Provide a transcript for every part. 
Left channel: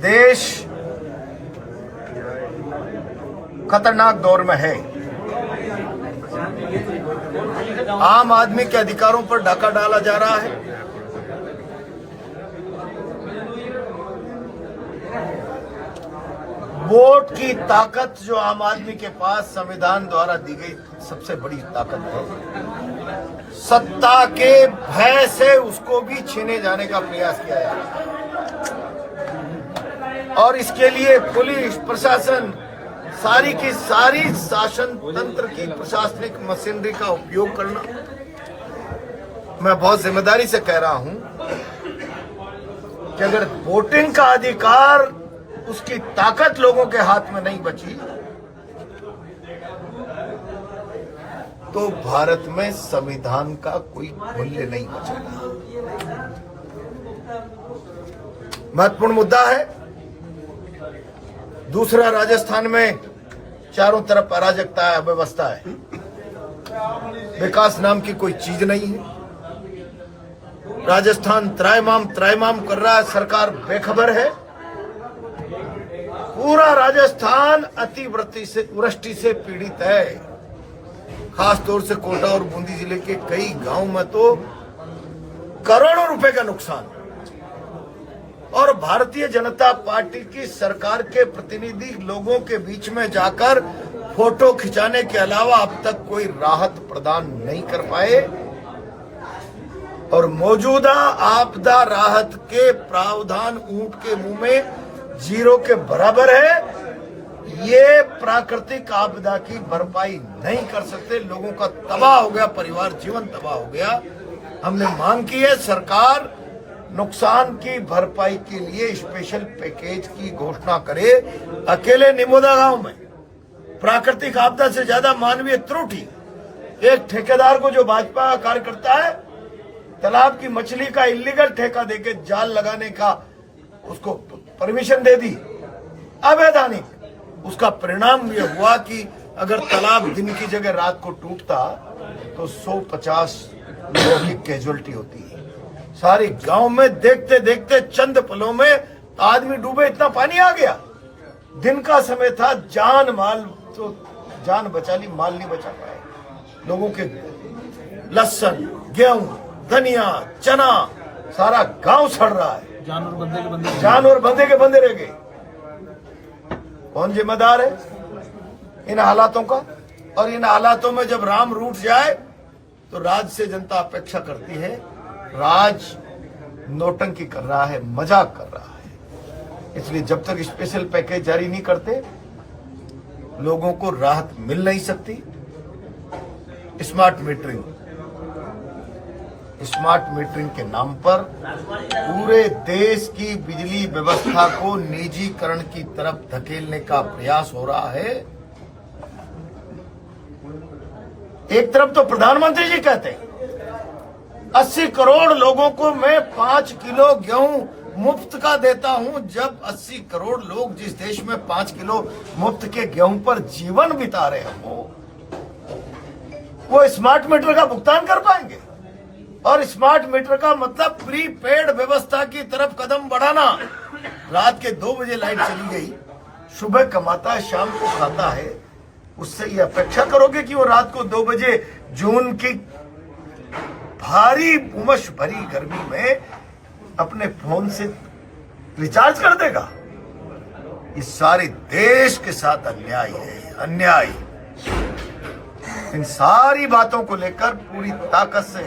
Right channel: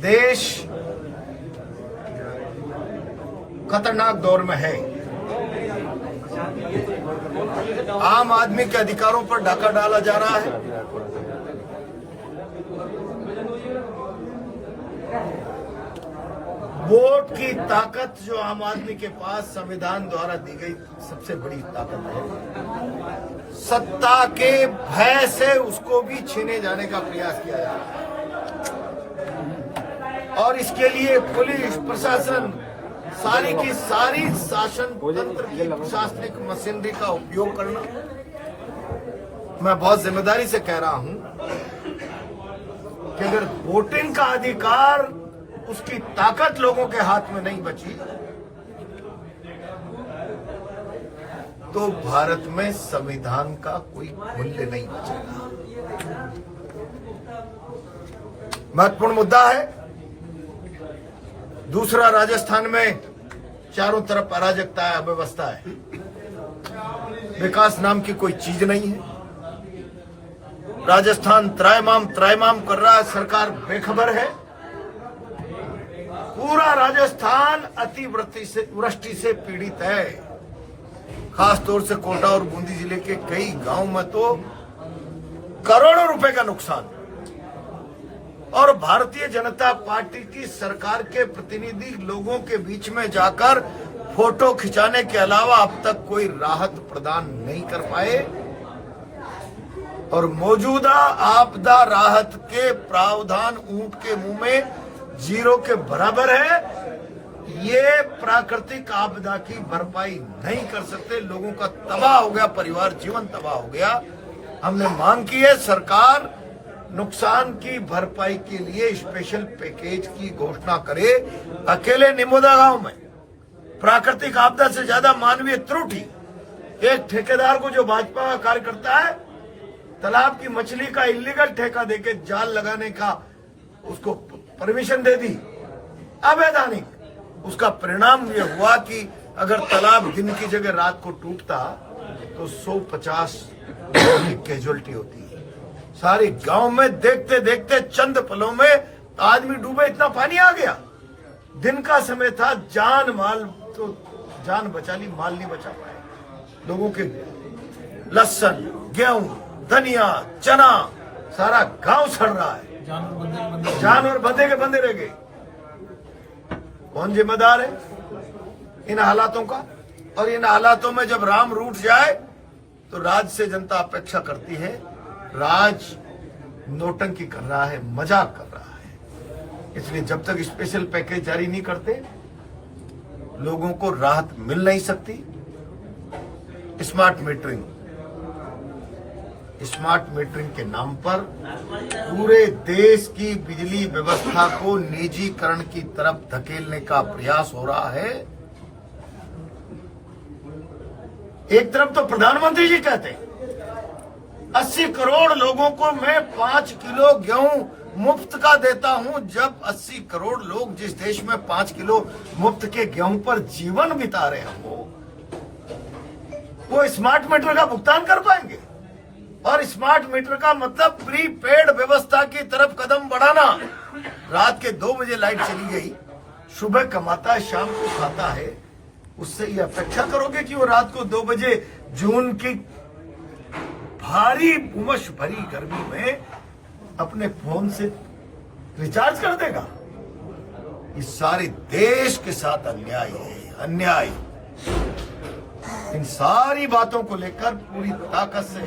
देश खतरनाक दौर में है। आम आदमी के अधिकारों पर डाका डाला जा रहा है। वोट की ताकत जो आम आदमी के पास संविधान द्वारा दी गई सबसे बड़ी ताकत है, सत्ता के भय से उसको भी छीने जाने का प्रयास किया जा रहा है। और इसके लिए पुलिस प्रशासन सारी की सारी शासन तंत्र की प्रशासनिक मशीनरी का उपयोग करना, मैं बहुत जिम्मेदारी से कह रहा हूं कि अगर वोटिंग का अधिकार, उसकी ताकत लोगों के हाथ में नहीं बची तो भारत में संविधान का कोई मूल्य नहीं बचेगा। महत्वपूर्ण मुद्दा है। दूसरा, राजस्थान में चारों तरफ अराजकता है, अव्यवस्था है, विकास नाम की कोई चीज नहीं है। राजस्थान त्रायमाम कर रहा है, सरकार बेखबर है। पूरा राजस्थान अतिवृष्टि से पीड़ित है। खासतौर से कोटा और बूंदी जिले के कई गांव में तो करोड़ों रुपए का नुकसान। और भारतीय जनता पार्टी की सरकार के प्रतिनिधि लोगों के बीच में जाकर फोटो खिंचाने के अलावा अब तक कोई राहत प्रदान नहीं कर पाए। और मौजूदा आपदा राहत के प्रावधान ऊंट के मुंह में जीरो के बराबर है। ये प्राकृतिक आपदा की भरपाई नहीं कर सकते। लोगों का तबाह हो गया, परिवार जीवन तबाह हो गया। हमने मांग की है सरकार नुकसान की भरपाई के लिए स्पेशल पैकेज की घोषणा करे। अकेले निमोदा गांव में प्राकृतिक आपदा से ज्यादा मानवीय त्रुटि, एक ठेकेदार को जो भाजपा का कार्यकर्ता है तालाब की मछली का इलीगल ठेका देके जाल लगाने का उसको परमिशन दे दी, अवैधानिक। उसका परिणाम यह हुआ कि अगर तालाब दिन की जगह रात को टूटता तो 150 लोगों की कैजुअलिटी होती है। सारे गांव में देखते देखते चंद पलों में आदमी डूबे, इतना पानी आ गया। दिन का समय था, जान माल तो जान बचा ली, माल नहीं बचा पाए। लोगों के लहसुन, गेहूं, धनिया, चना, सारा गांव सड़ रहा है। जानवर बंधे के बंधे रह गए। कौन जिम्मेदार है इन हालातों का? और इन हालातों में जब राम रूठ जाए तो राज से जनता अपेक्षा करती है। राज नोटंकी कर रहा है, मजाक कर रहा है। इसलिए जब तक स्पेशल पैकेज जारी नहीं करते लोगों को राहत मिल नहीं सकती। स्मार्ट मीटरिंग के नाम पर पूरे देश की बिजली व्यवस्था को निजीकरण की तरफ धकेलने का प्रयास हो रहा है। एक तरफ तो प्रधानमंत्री जी कहते हैं 80 करोड़ लोगों को मैं 5 किलो गेहूं मुफ्त का देता हूं। जब 80 करोड़ लोग जिस देश में 5 किलो मुफ्त के गेहूं पर जीवन बिता रहे हैं, वो स्मार्ट मीटर का भुगतान कर पाएंगे? और स्मार्ट मीटर का मतलब प्रीपेड व्यवस्था की तरफ कदम बढ़ाना। रात के 2 बजे लाइट चली गई, सुबह कमाता है, शाम को खाता है, उससे ये अपेक्षा करोगे कि वो रात को 2 बजे जून की भारी उमस भरी गर्मी में अपने फोन से रिचार्ज कर देगा? इस सारे देश के साथ अन्याय है, अन्याय। इन सारी बातों को लेकर पूरी ताकत से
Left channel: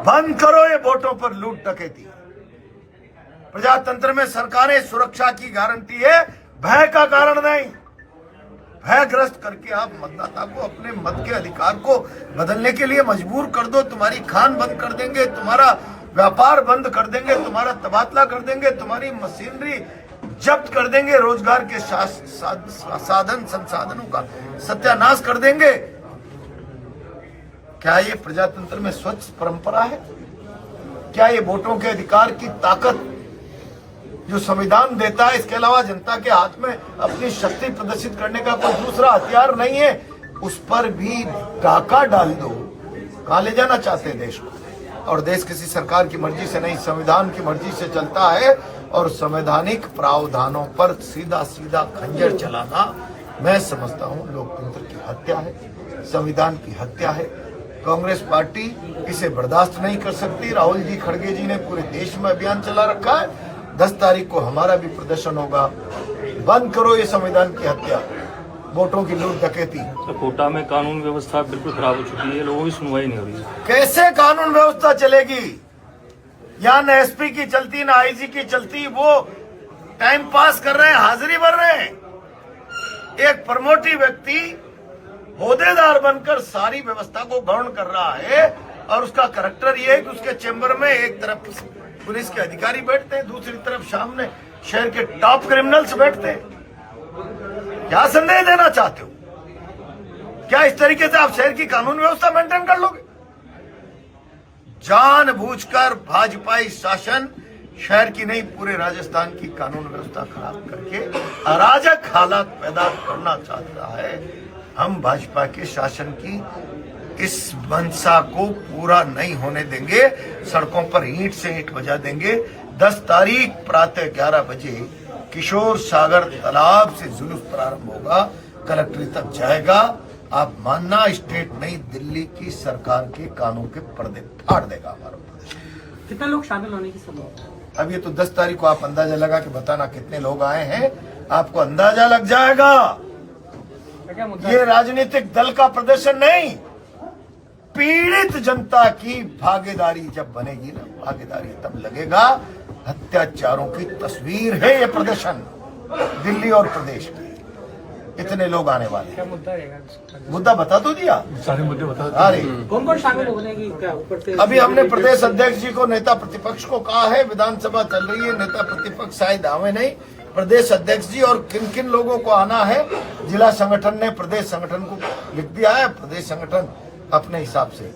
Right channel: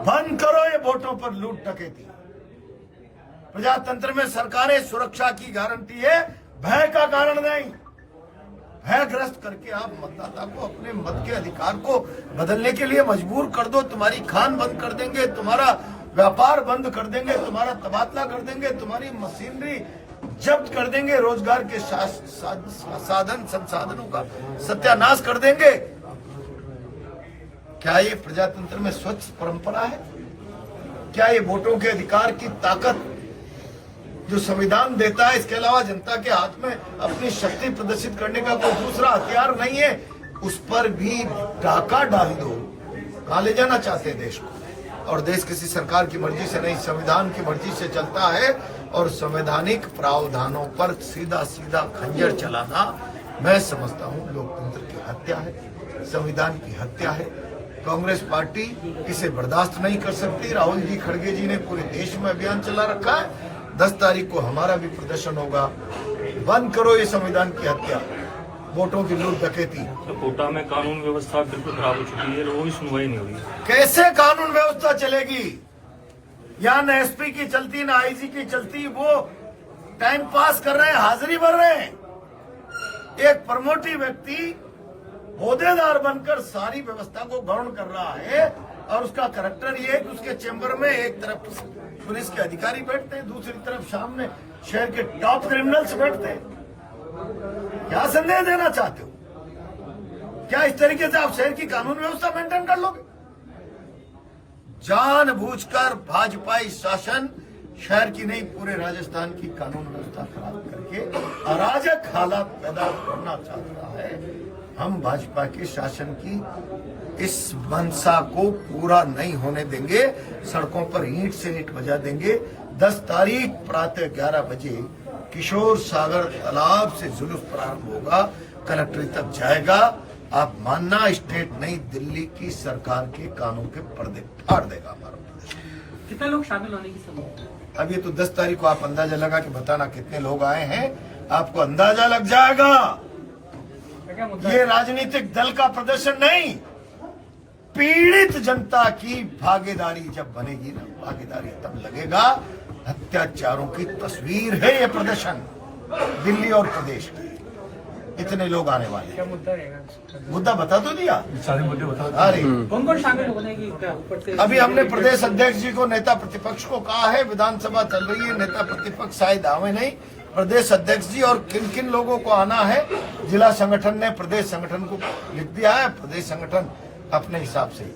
बंद करो ये वोटों पर लूट डकैती। प्रजातंत्र में सरकारें सुरक्षा की गारंटी है, भय का कारण नहीं। भयग्रस्त करके आप मतदाता को अपने मत के अधिकार को बदलने के लिए मजबूर कर दो। तुम्हारी खान बंद कर देंगे, तुम्हारा व्यापार बंद कर देंगे, तुम्हारा तबादला कर देंगे, तुम्हारी मशीनरी जब्त कर देंगे, रोजगार के साधन संसाधनों का सत्यानाश कर देंगे। क्या ये प्रजातंत्र में स्वच्छ परंपरा है? क्या ये वोटों के अधिकार की ताकत जो संविधान देता है, इसके अलावा जनता के हाथ में अपनी शक्ति प्रदर्शित करने का कोई दूसरा हथियार नहीं है? उस पर भी डाका डाल दो। कहां ले जाना चाहते हैं देश को? और देश किसी सरकार की मर्जी से नहीं, संविधान की मर्जी से चलता है। और संवैधानिक प्रावधानों पर सीधा सीधा खंजर चलाना मैं समझता हूं लोकतंत्र की हत्या है, संविधान की हत्या है। कांग्रेस पार्टी इसे बर्दाश्त नहीं कर सकती। राहुल जी खड़गे जी ने पूरे देश में अभियान चला रखा है। 10 तारीख को हमारा भी प्रदर्शन होगा। बंद करो ये संविधान की हत्या, वोटों की लूट डकैती। तो कोटा में कानून व्यवस्था बिल्कुल खराब हो चुकी है, लोगों की सुनवाई नहीं हो रही है। कैसे कानून व्यवस्था चलेगी? यहाँ न एसपी की चलती, न आईजी की चलती। वो टाइम पास कर रहे हैं, हाजिरी भर रहे हैं। एक प्रमोटिव व्यक्ति होदेदार बनकर सारी व्यवस्था को गौण कर रहा है और उसका करैक्टर ये है कि उसके चेंबर में एक तरफ पुलिस के अधिकारी बैठते हैं, दूसरी तरफ सामने शहर के टॉप क्रिमिनल्स बैठते हैं। क्या संदेश देना चाहते हो? क्या इस तरीके से आप शहर की कानून व्यवस्था मेंटेन कर लोगे? जानबूझकर भाजपाई शासन शहर की नहीं पूरे राजस्थान की कानून व्यवस्था खराब करके अराजक हालात पैदा करना चाहता है। हम भाजपा के शासन की इस मंशा को पूरा नहीं होने देंगे। सड़कों पर ईंट से ईंट बजा देंगे। 10 तारीख प्रातः 11 बजे किशोर सागर तालाब से जुलूस प्रारंभ होगा, कलेक्ट्रेट तक जाएगा। आप मानना, स्टेट नई दिल्ली की सरकार के कानून के पर्दे फाड़ देगा हमारा प्रदेश। कितने लोग शामिल होने की संभावना? अब ये तो 10 तारीख को आप अंदाजा लगा के बताना कितने लोग आए हैं, आपको अंदाजा लग जाएगा। ये राजनीतिक दल का प्रदर्शन नहीं, पीड़ित जनता की भागीदारी जब बनेगी ना, भागीदारी तब लगेगा। अत्याचारों की तस्वीर है ये प्रदर्शन दिल्ली और प्रदेश की। इतने लोग आने वाले हैं। मुद्दा बता तो दिया, सारे मुद्दे बता। अरे कौन शामिल होने की क्या ऊपर से? अभी हमने प्रदेश अध्यक्ष जी को, नेता प्रतिपक्ष को कहा है। विधानसभा चल रही है, नेता प्रतिपक्ष शायद आवे नहीं। प्रदेश अध्यक्ष जी और किन किन लोगों को आना है, जिला संगठन ने प्रदेश संगठन को लिख दिया है। प्रदेश संगठन अपने हिसाब से